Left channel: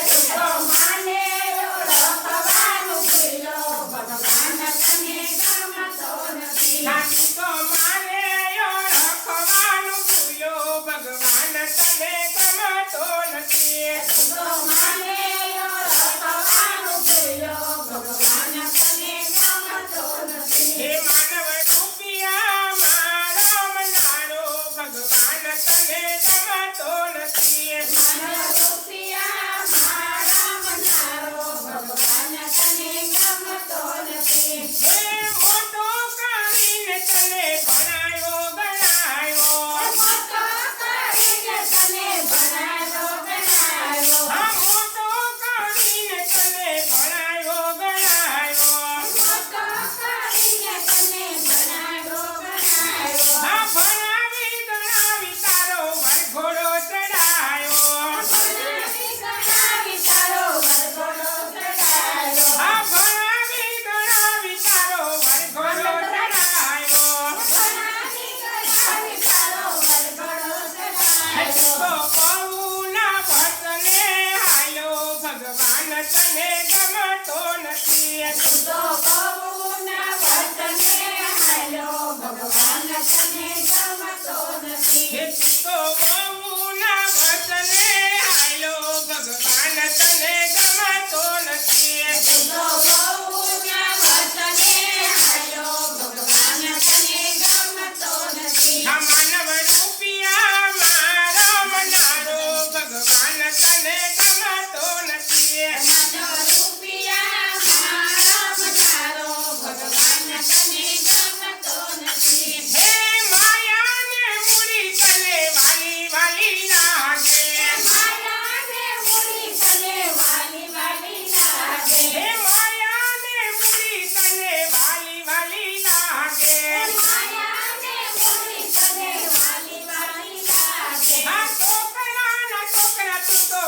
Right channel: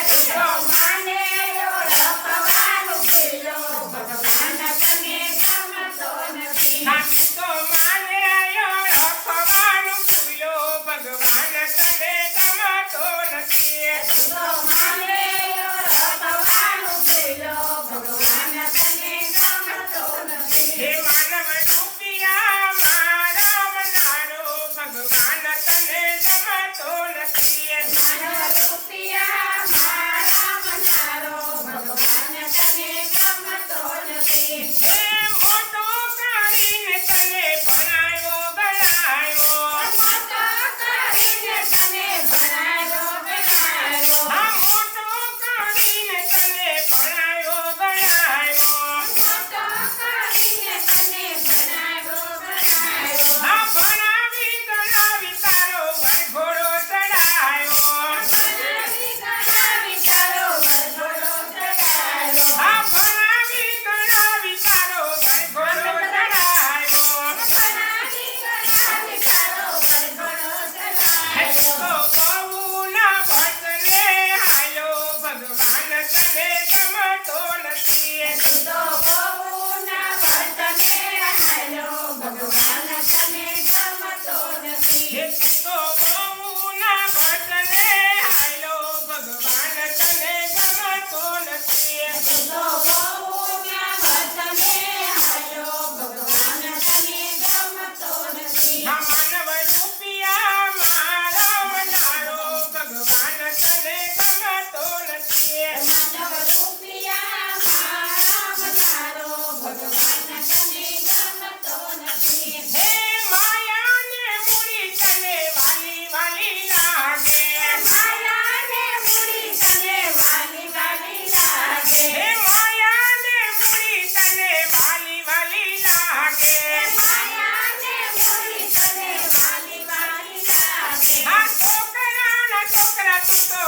તું તો માને ઓળખવાનું ભૂલો ભગવાન તને ગમતો નથી તું તો માને ઓળખવાનું ભૂલો ભગવાન તને ગમતો નથી તું તો માને ઓળખવાનું ભૂલો ભગવાન તને ગમતો નથી હે માનવ રૂપિયા મારા મનારો ભગવાન તને ગમતો નથી માનવ રૂપિયા મારા મનારો ભગવાન તને ગમતો નથી હે મોટો કરીને તને ભણાયો ગણાયો મોટો કરીને તને ભણાયો ગણાયો હા મોટો કરીને તને ભણાયો ગણાયો મોટો કરીને તને ભણાયો ગણાયો હા ભણાવી ગણાવી તારો વરઘોડો ચડાયો ભણાવી ગણાવી તારો વરઘોડો ચડાયો હા ભણાવી ગણાવી તારો વરઘોડો ચડાયો ભણાવી ગણાવી તારો વરઘોડો ચડાયો તો બહુના વચને હાલ્યો ભગવાન તને ગમતો નથી તું તો બહુના વતને હાલ્યો ભગવાન તને ગમતો નથી હે તું તો બહુના વચને હાલ્યો ભગવાન તને ગમતો નથી તું તો બહુના વતને હાલ્યો ભગવાન તને ગમતો નથી હા માનવ રૂપિયા મારો મનારો ભગવાન તને ગમતો નથી માનવ રૂપિયા મારા મનારો ભગવાન તને ગમતો નથી હે માયાને મૂડી તને વાલી વાલી લાગે માયાને મૂડી તને વાલી વાલી લાગે હે માયાને મૂડી તને વાલી વાલી લાગે માયાને મૂડી તને વાલી વાલી લાગે આ છોકરાના છોકરા તું તો